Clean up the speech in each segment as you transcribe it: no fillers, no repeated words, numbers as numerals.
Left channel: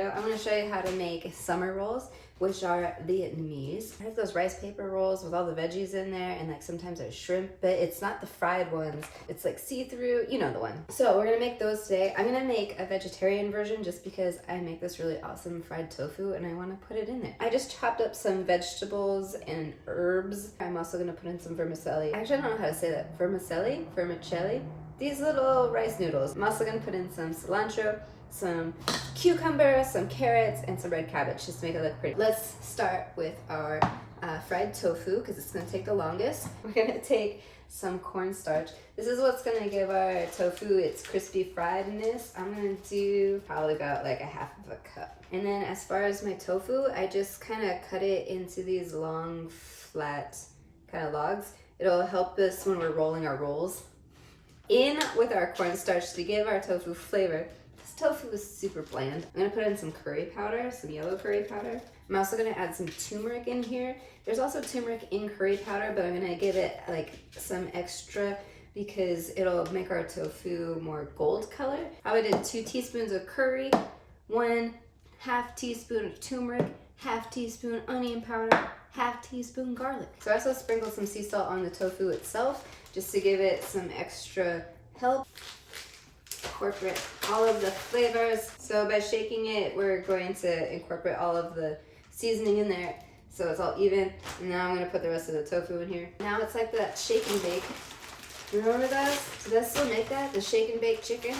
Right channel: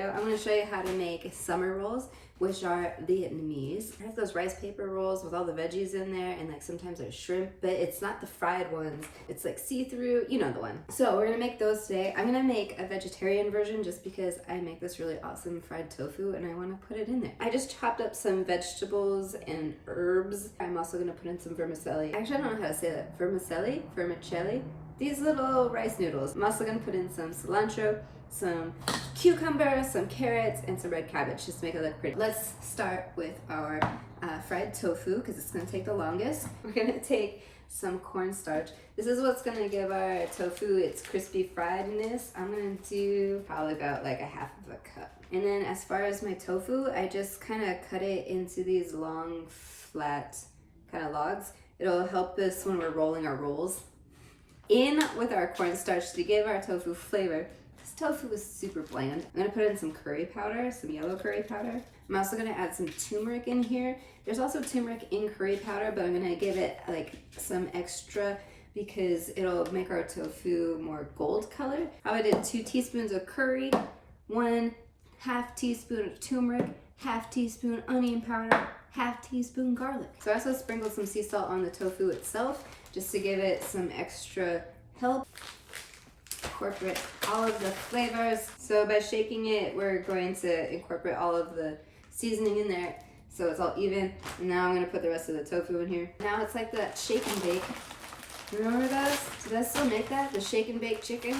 video, I'm going to show you how to make summer rolls, which are Vietnamese. I have those rice paper rolls with all the veggies in there, and like sometimes there's shrimp, but it's not the fried ones. It's like see-through, you know the one. So we're going to make those today. I'm going to make a vegetarian version just because I make this really awesome fried tofu and I want to put it in there. I just chopped up some vegetables and herbs. I'm also going to put in some vermicelli. Actually, I don't know how to say that. Vermicelli. These little rice noodles. I'm also going to put in some cilantro, some cucumber, some carrots, and some red cabbage just to make it look pretty. Let's start with our fried tofu because it's going to take the longest. We're going to take some cornstarch. This is what's going to give our tofu its crispy friedness. I'm going to do probably about like a half of a cup. And then as far as my tofu, I just kind of cut it into these long, flat kind of logs. It'll help us when we're rolling our rolls. In with our cornstarch to give our tofu flavor. This tofu is super bland. I'm gonna put in some curry powder, some yellow curry powder. I'm also gonna add some turmeric in here. There's also turmeric in curry powder, but I'm gonna give it like some extra because it'll make our tofu more gold color. I did 2 teaspoons of curry, 1/2 teaspoon of turmeric, 1/2 teaspoon onion powder, 1/2 teaspoon garlic. So I also sprinkled some sea salt on the tofu itself just to give it some extra help. Incorporate all of the flavors. So by shaking it, we're going to incorporate all of the seasoning in there so it's all even. And now I'm gonna put the rest of the tofu in here. Now it's like that shake and bake. You remember those? Do they still make that? The shake and bake chickens?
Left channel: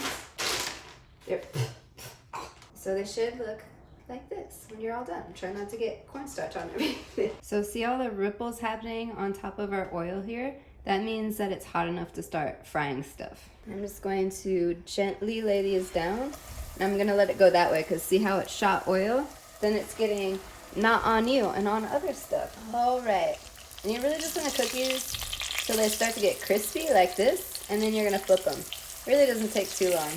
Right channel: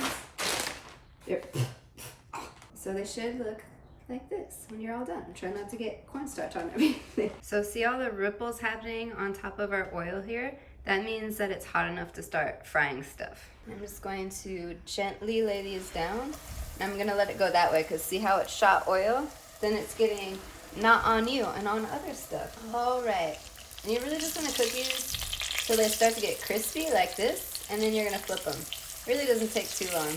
So they should look like this when you're all done. Try not to get cornstarch on everything. So see all the ripples happening on top of our oil here? That means that it's hot enough to start frying stuff. I'm just going to gently lay these down. And I'm gonna let it go that way because see how it shot oil? Then it's getting not on you and on other stuff. All right, and you're really just gonna cook these till they start to get crispy like this, and then you're gonna flip them. It really doesn't take too long.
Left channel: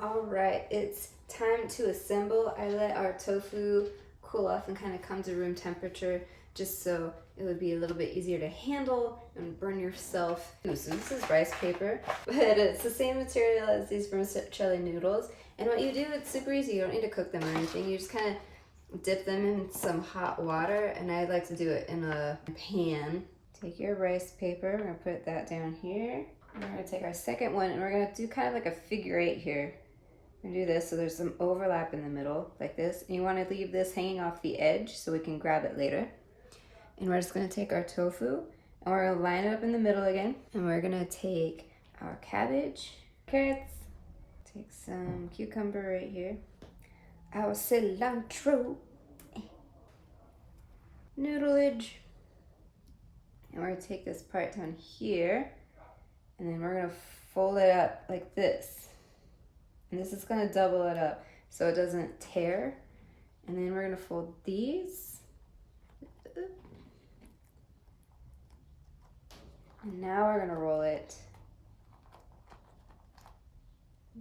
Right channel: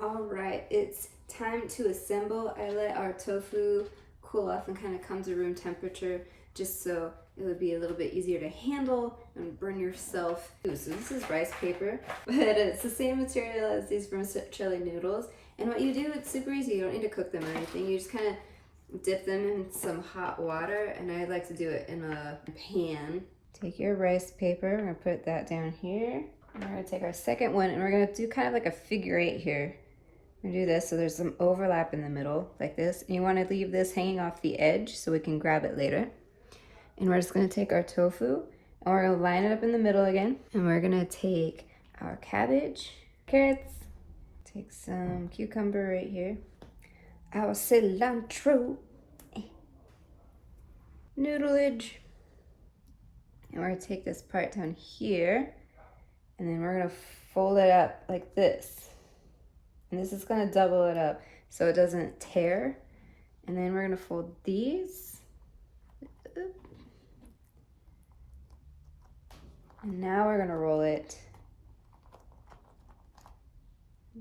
All right, it's time to assemble. I let our tofu cool off and kind of come to room temperature just so it would be a little bit easier to handle and burn yourself. Ooh, so this is rice paper, but it's the same material as these vermicelli noodles. And what you do, it's super easy. You don't need to cook them or anything. You just kind of dip them in some hot water, and I like to do it in a pan. Take your rice paper, we're gonna put that down here. And we're gonna take our second one, and we're gonna do kind of like a figure 8 here. We're gonna do this so there's some overlap in the middle, like this. And you wanna leave this hanging off the edge so we can grab it later. And we're just gonna take our tofu, and we're gonna line it up in the middle again. And we're gonna take our cabbage, carrots, take some cucumber right here, our cilantro, noodleage. And we're gonna take this part down here, and then we're gonna fold it up like this. And this is gonna double it up so it doesn't tear. And then we're gonna fold these. And now we're gonna roll it.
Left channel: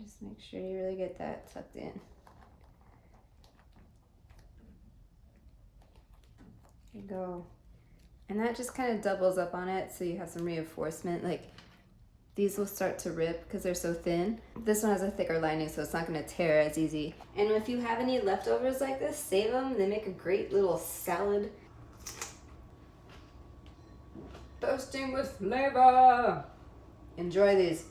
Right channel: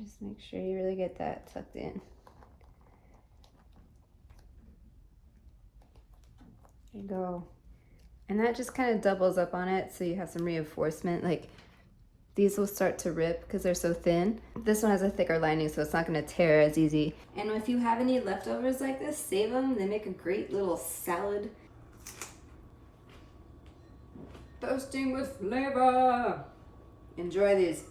Just make sure you really get that tucked in. There you go. And that just kind of doubles up on it so you have some reinforcement. Like these will start to rip because they're so thin. This one has a thicker lining so it's not gonna tear as easy. And if you have any leftovers like this, save them. They make a great little salad. Toasting with flavor. Enjoy these.